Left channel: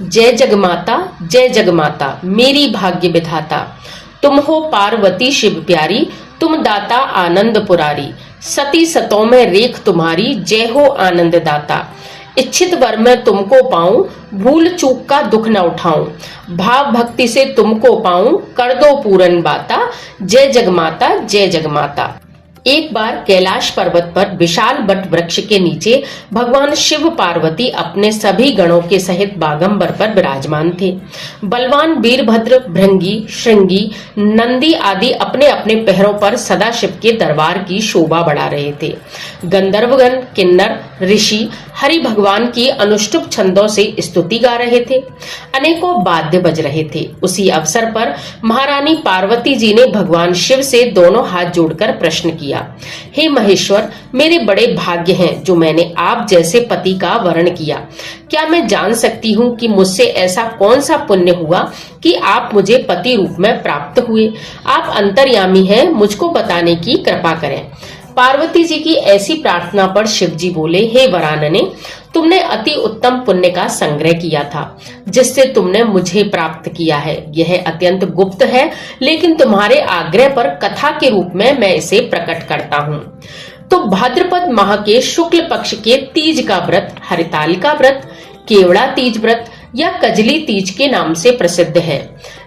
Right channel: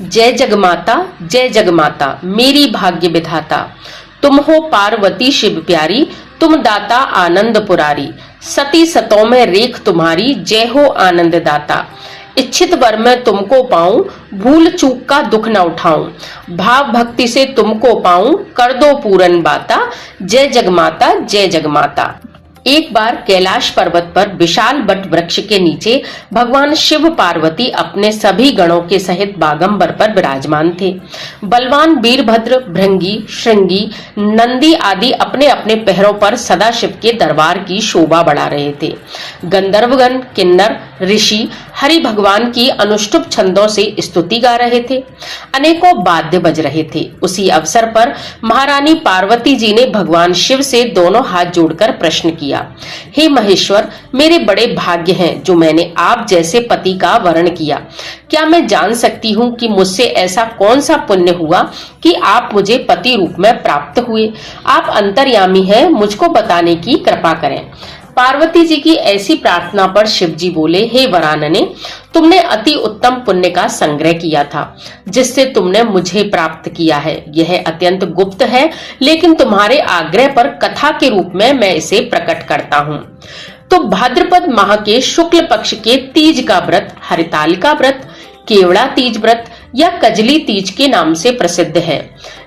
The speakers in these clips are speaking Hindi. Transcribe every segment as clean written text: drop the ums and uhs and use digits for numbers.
जय जगमाता जय जगमाता मेरी भाग्य विधाता, तुम हो पार्वती शिव प्यारी, तुम दाता आनंद पुरारी, सती सतों में रेख तुम्हारी, जय हो आनंद दाता। इच्छित वर में तुमको पाऊं, भूल चूक का दुख न उठाऊं, भाव भक्ति से तुमको पाऊं, कर दो पूरन बाता, जय जगमाता जय जगमाता। एक बार कैलाश पर्वत पर विशाल बट वृक्ष के नीचे भगवान शिव पार्वती अपने सभी गणों के सहित बागंबर पर विराजमान थे। बलवान वीरभद्र, भृंगी, श्रृंगी, नंदी आदि अपने अपने पैरों पर सदाशिव के दरबार की शोभा बढ़ा रहे थे। गंधर्वगण, किन्नर, ऋषि हरि भगवान की अनुष्टुप छंदों से स्तुति गा रहे थे। अनेकों वाद्य बज रहे थे। उसी अवसर पर महारानी पार्वती जी ने भगवान शिव से दोनों हाथ जोड़कर प्रश्न किया, हे महेश्वर, मेरे बड़े भाग्य हैं जो मैंने आप जैसे पति का वरण किया। क्या मैं जान सकती हूँ कि मुझसे ऐसा कौन सा पुण्य हुआ कि आप मुझे पति रूप में प्राप्त हुए? आप अंतर्यामी हैं, मुझको बताने की कृपा करें। पार्वती जी की ऐसी प्रार्थना पर शिव जी बोले, हे वरानने, तुमने अति उत्तम पुण्य का संग्रह किया था जिससे तुमने मुझे प्राप्त किया है। यह अत्यंत गुप्त है, लेकिन तुम्हारे आग्रह पर कथा के रूप में मैं इसे प्रकट करता हूँ। तो भाद्रपद माह के शुक्ल पक्ष के तीज का व्रत हरितालिका व्रत, केवड़ा तीज व्रत या कजली तीज के नाम से प्रसिद्ध है।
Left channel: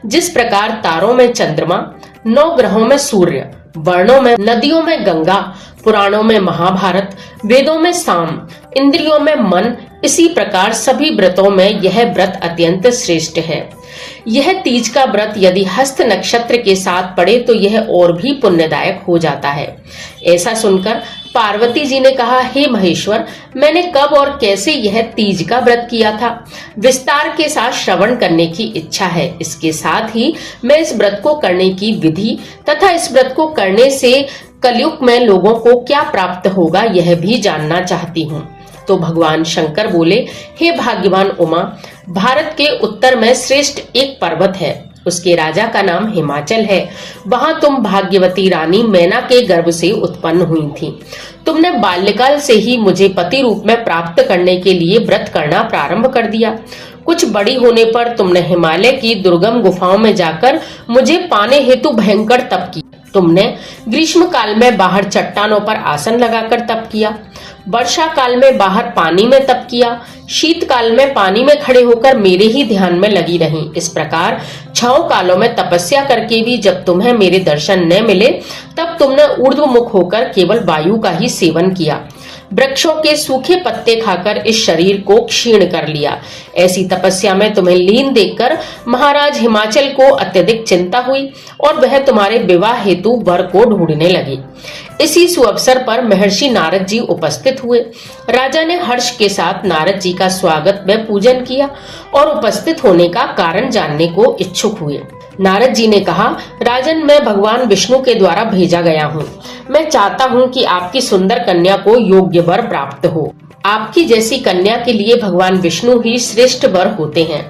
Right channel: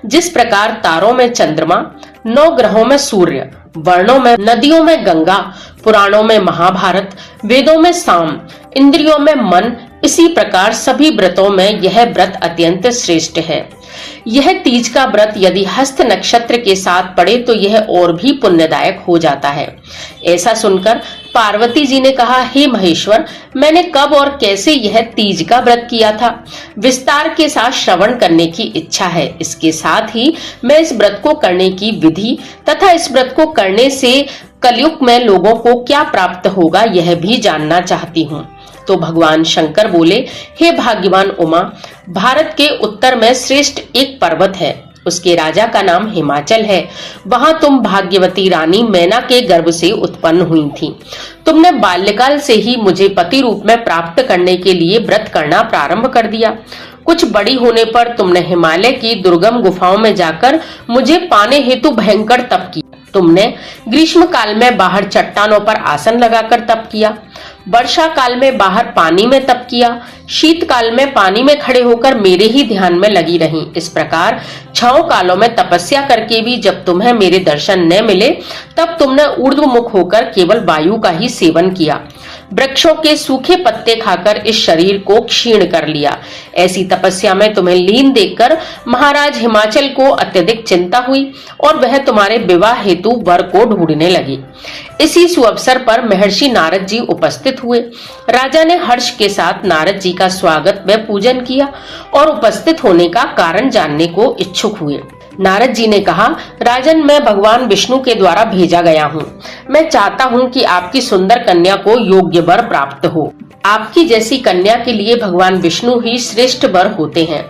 जिस प्रकार तारों में चंद्रमा, 9 ग्रहों में सूर्य, वर्णों में नदियों में गंगा, पुराणों में महाभारत, वेदों में साम, इंद्रियों में मन, इसी प्रकार सभी व्रतों में यह व्रत अत्यंत श्रेष्ठ है। यह तीज का व्रत यदि हस्त नक्षत्र के साथ पड़े तो यह और भी पुण्यदायक हो जाता है। ऐसा सुनकर पार्वती जी ने कहा, हे महेश्वर, मैंने कब और कैसे यह तीज का व्रत किया था, विस्तार के साथ श्रवण करने की इच्छा है। इसके साथ ही मैं इस व्रत को करने की विधि तथा इस व्रत को करने से कलयुग में लोगों को क्या प्राप्त होगा यह भी जानना चाहती हूँ। तो भगवान शंकर बोले, हे भाग्यवान उमा, भारत के उत्तर में श्रेष्ठ एक पर्वत है, उसके राजा का नाम हिमाचल है। वहां तुम भाग्यवती रानी मैना के गर्भ से उत्पन्न हुई थी। तुमने बाल्यकाल से ही मुझे पति रूप में प्राप्त करने के लिए व्रत करना प्रारंभ कर दिया। कुछ बड़ी होने पर तुमने हिमालय की दुर्गम गुफाओं में जाकर मुझे पाने हेतु भयंकर तप किया। तुमने ग्रीष्म काल में बाहर चट्टानों पर आसन लगाकर तप किया, वर्षा काल में बाहर पानी में तप किया, शीतकाल में पानी में खड़े होकर मेरे ही ध्यान में लगी रहीं। इस प्रकार 6 कालों में तपस्या करके भी जब तुम्हें मेरे दर्शन न मिले तब तुमने ऊर्ध्वमुख होकर केवल वायु का ही सेवन किया। वृक्षों के सूखे पत्ते खाकर इस शरीर को क्षीण कर लिया। ऐसी तपस्या में तुम्हें लीन देखकर महाराज हिमाचल को अत्यधिक चिंता हुई और वह तुम्हारे विवाह हेतु वर को ढूंढने लगे। इसी सुअवसर पर महर्षि नारद जी उपस्थित हुए। राजा ने हर्ष के साथ नारद जी का स्वागत व पूजन किया और उपस्थित होने का कारण जानने को इच्छुक हुए। नारद जी ने कहा, राजन, मैं भगवान विष्णु के द्वारा भेजा गया हूँ। मैं चाहता हूँ कि आपकी सुंदर कन्या को योग्य वर प्राप्त हो। आपकी जैसी कन्या के लिए भगवान विष्णु ही श्रेष्ठ वर होते हैं।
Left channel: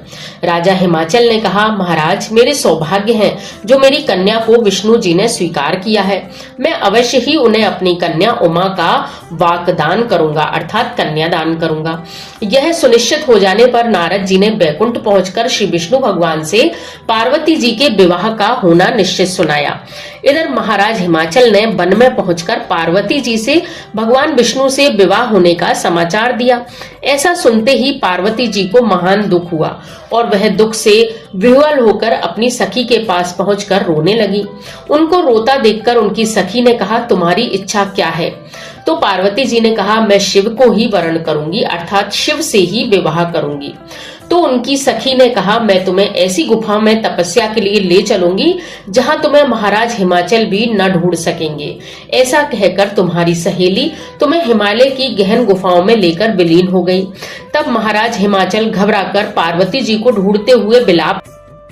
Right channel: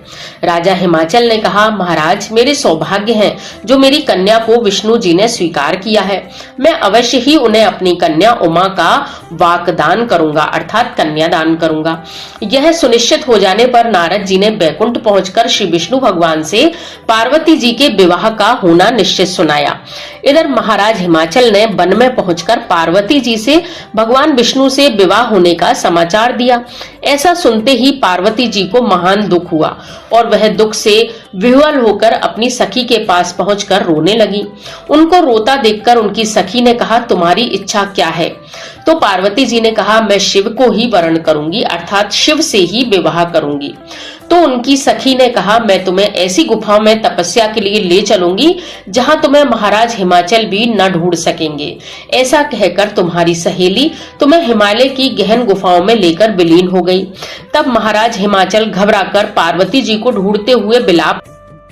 राजा हिमाचल ने कहा, महाराज, मेरे सौभाग्य हैं जो मेरी कन्या को विष्णु जी ने स्वीकार किया है। मैं अवश्य ही उन्हें अपनी कन्या उमा का वाकदान करूंगा, अर्थात कन्यादान करूंगा। यह सुनिश्चित हो जाने पर नारद जी ने बैकुंठ पहुंचकर श्री विष्णु भगवान से पार्वती जी के विवाह का होना निश्चित सुनाया। इधर महाराज हिमाचल ने वन में पहुंचकर पार्वती जी से भगवान विष्णु से विवाह होने का समाचार दिया। ऐसा सुनते ही पार्वती जी को महान दुख हुआ और वह दुख से विह्वल होकर अपनी सखी के पास पहुंचकर रोने लगी। उनको रोता देखकर उनकी सखी ने कहा, तुम्हारी इच्छा क्या है? तो पार्वती जी ने कहा, मैं शिव को ही वरण करूंगी, अर्थात शिव से ही विवाह करूंगी। तो उनकी सखी ने कहा, मैं तुम्हें ऐसी गुफा में तपस्या के लिए ले चलूंगी जहां तुम्हें महाराज हिमाचल भी न ढूंढ सकेंगे। ऐसा कहकर तुम्हारी सहेली तुम्हें हिमालय की गहन गुफाओं में लेकर विलीन हो गई। तब महाराज हिमाचल घबराकर पार्वती जी को ढूंढते हुए बिलाप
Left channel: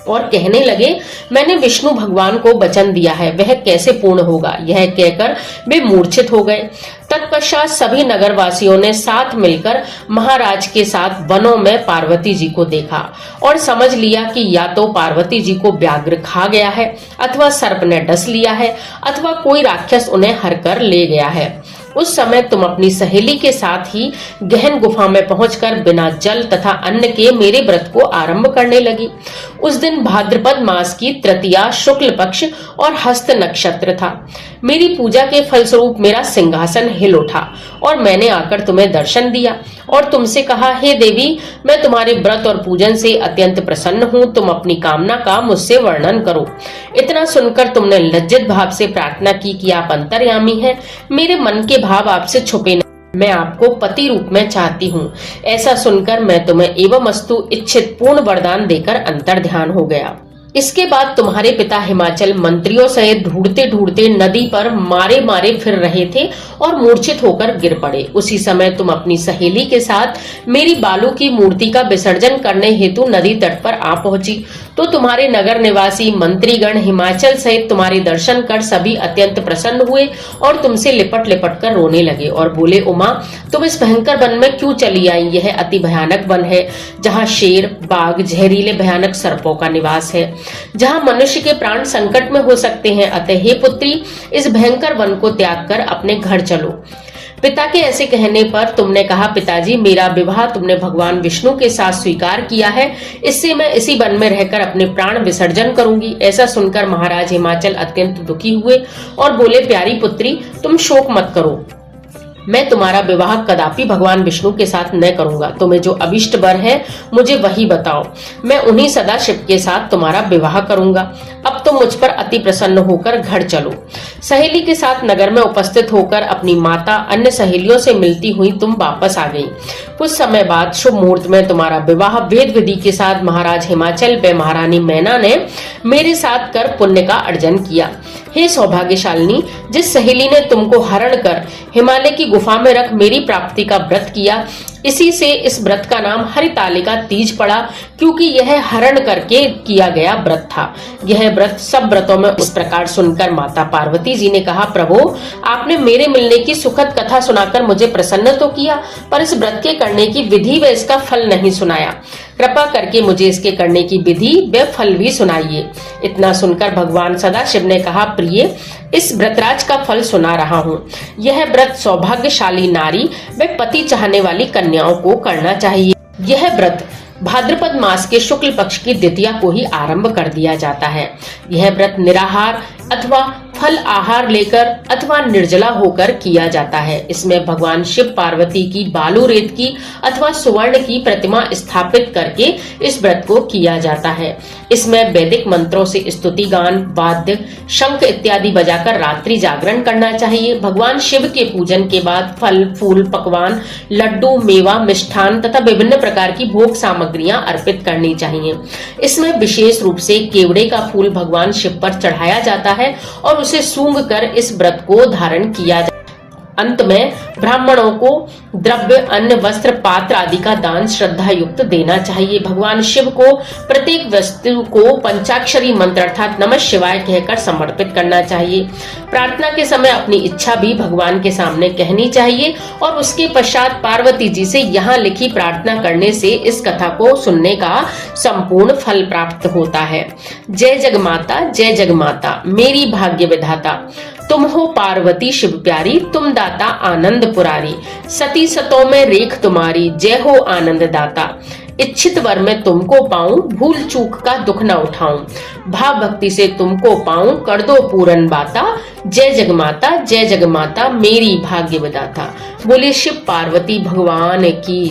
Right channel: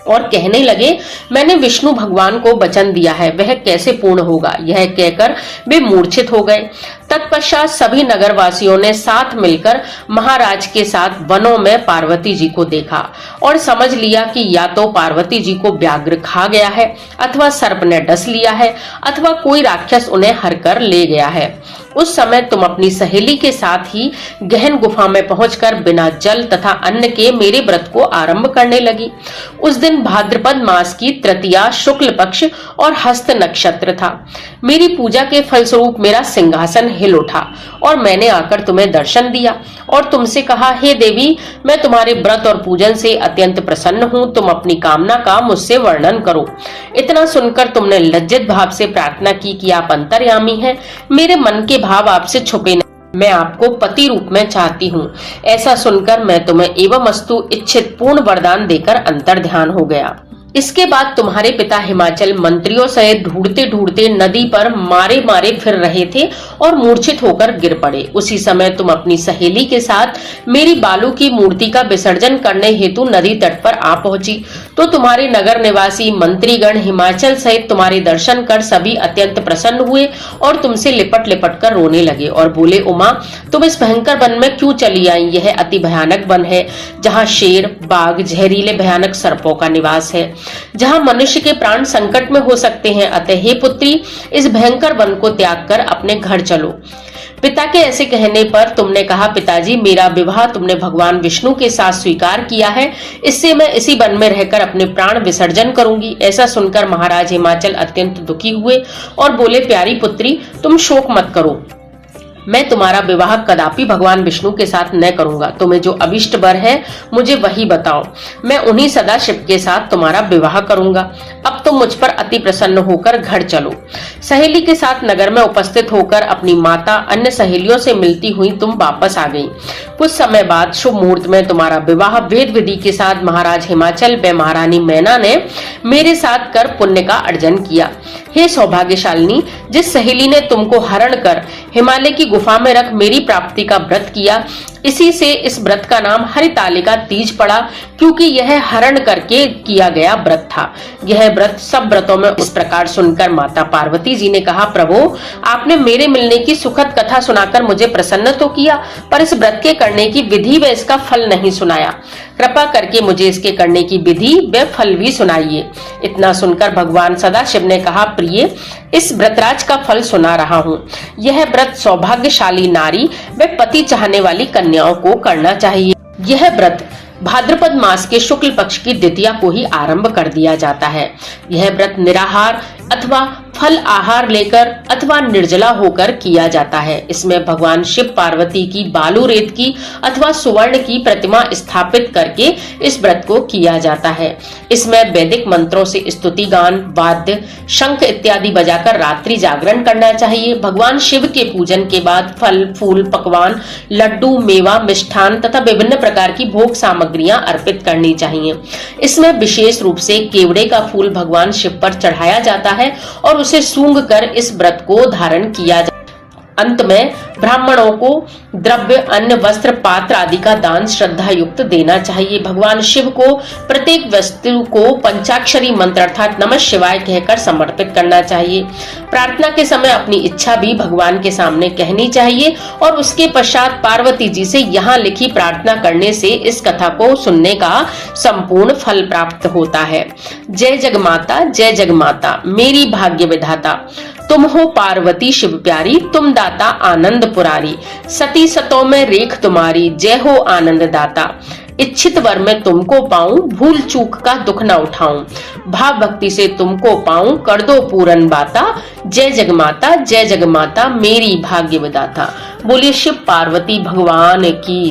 और कहने लगे, मैंने विष्णु भगवान को वचन दिया है, वह कैसे पूर्ण होगा? यह कहकर वे मूर्छित हो गए। तत्पश्चात सभी नगरवासियों ने साथ मिलकर महाराज के साथ वनों में पार्वती जी को देखा और समझ लिया कि या तो पार्वती जी को व्याघ्र खा गया है, अथवा सर्प ने डस लिया है, अथवा कोई राक्षस उन्हें हर कर ले गया है। उस समय तुम अपनी सहेली के साथ ही गहन गुफा में पहुंचकर बिना जल तथा अन्न के मेरे व्रत को आरंभ करने लगी। उस दिन भाद्रपद मास की तृतीया शुक्ल पक्ष और हस्त नक्षत्र था। मेरी पूजा के फलस्वरूप मेरा सिंहासन हिल उठा और मैंने आकर तुम्हें दर्शन दिया और तुमसे कहा, हे देवी, मैं तुम्हारे व्रत और पूजन से अत्यंत प्रसन्न हूँ, तुम अपनी कामना का मुझसे वर्णन करो। इतना सुनकर तुमने लज्जित भाव से प्रार्थना की कि आप अंतर्यामी हैं, मेरे मन के भाव आपसे छुपे नहीं, मैं आपको पति रूप में चाहती हूँ। ऐसा सुनकर मैं तुम्हें एवमस्तु इच्छित पूर्ण वरदान देकर अंतर ध्यान हो गया। इसके बाद तुम्हारे पिता हिमाचल मंत्रियों सहित ढूंढते ढूंढते नदी पर मारे मारे फिर रहे थे और मूर्छित होकर गिर पड़े। उसी समय तुम अपनी सहेली के साथ मेरी बालू की मूर्ति का विसर्जन करने हेतु नदी तट पर आ पहुंची, तो तुम्हारे नगर निवासी मंत्रीगण हिमाचल सहित तुम्हारे दर्शन कर सभी अत्यंत प्रसन्न हुए और तुमसे लिपट लिपट कर रोने लगे और बोले, उमा, तुम इस भयंकर वन में क्यों चली आई? यह अति भयानक वन है, जहाँ शेर, बाघ, जहरीले भयानक सर्पों का निवास है, जहाँ मनुष्य के प्राण संकट में हो सकते हैं। अतः हे पुत्री, इस भयंकर वन को त्याग कर अपने घर चलो। पिता के ऐसे कहने पर तुमने कहा, पिताजी, मेरा विवाह तुमने भगवान विष्णु के साथ स्वीकार किया है, इससे मैं इसी वन में रहकर अपने प्राण विसर्जन करूंगी। ऐसा सुनकर महाराज हिमाचल अत्यंत दुखी हुए और बोले, प्यारी पुत्री, तुम शोक मत करो, मैं तुम्हारा विवाह कदापि भगवान विष्णु के साथ न करूंगा। तुम्हें जो अभिष्ट वर है मुझे वही बताओ, मैं उन्हीं सदाशिव के साथ तुम्हारा विवाह करूंगा। अब तुम मुझ पर अति प्रसन्न होकर घर चलो। सहेली के साथ नगर में उपस्थित होकर अपनी माता अन्य सहेलियों से मिलती हुई तुम वापस आ गई। कुछ समय बाद शुभ मुहूर्त में तुम्हारा विवाह वेद विधि के साथ महाराज हिमाचल व महारानी मैना ने मेरे साथ कर पुण्य का अर्जन किया। हे सौभाग्यशालिनी, जिस सहेली ने तुमको हरण कर हिमालय की गुफा में रख मेरी प्राप्ति का व्रत किया, इसी से इस व्रत का नाम हरितालिका तीज पड़ा, क्योंकि यह हरण करके किया गया व्रत था। यह व्रत सब व्रतों में। इस प्रकार सुनकर माता पार्वती जी ने कहा, प्रभु, आपने मेरे मिलने की सुखद कथा सुनाकर मुझे प्रसन्न तो किया, पर इस व्रत के करने की विधि व इसका फल नहीं सुनाया। कृपा करके मुझे इसके करने की विधि व फल भी सुनाइए। इतना सुनकर भगवान सदाशिव ने कहा, प्रिय, इस व्रतराज का फल सुना रहा हूँ। यह व्रत सौभाग्यशाली नारी व पति चाहने वाली कन्याओं को करना चाहिए। यह व्रत भाद्रपद मास के शुक्ल पक्ष की द्वितीया को ही आरंभ कर दिया जाता है। यह व्रत निराहार अथवा फल आहार लेकर अथवा निर्जला होकर किया जाता है। इसमें भगवान शिव पार्वती की बालू रेत की अथवा सुवर्ण की प्रतिमा स्थापित करके इस व्रत को किया जाता है। इसमें वैदिक मंत्रों से स्तुति गान, वाद्य, शंख इत्यादि बजाकर रात्रि जागरण करना चाहिए। भगवान शिव के पूजन के बाद फल, फूल, पकवान, लड्डू, मेवा, मिष्ठान तथा विभिन्न प्रकार की भोग सामग्रियां अर्पित करनी चाहिए। इसमें विशेष रूप से केवड़े का फूल भगवान शिव पर चढ़ाया जाता है और उसे सूंघ कर इस व्रत को धारण किया जाता है। अंत में ब्राह्मणों को द्रव्य, अन्न, वस्त्र, पात्र आदि का दान श्रद्धा युक्त देना चाहिए। भगवान शिव को प्रत्येक वस्तु को पंचाक्षरी मंत्र अर्थात नमः शिवाय कहकर समर्पित करना चाहिए। प्रार्थना के समय अपनी इच्छा भी भगवान के सामने कहनी चाहिए और उसके पश्चात पार्वती जी से यहाँ लिखी प्रार्थना करने से इस कथा को सुनने का संपूर्ण फल प्राप्त होता है। जय जगमाता, जय जगमाता, मेरी भाग्य विधाता, तुम हो पार्वती शिव प्यारी, तुम दाता आनंद पुरारी, सती सतों में रेख तुम्हारी, जय हो आनंद दाता। इच्छित वर में तुमको पाऊं, भूल चूक का दुख न उठाऊं, भाव भक्ति से तुमको पाऊं, कर दो पूरन बाता। जय जगमाता, जय जगमाता, मेरी भाग्य विधाता। बोलिए शिव पार्वती भगवान की।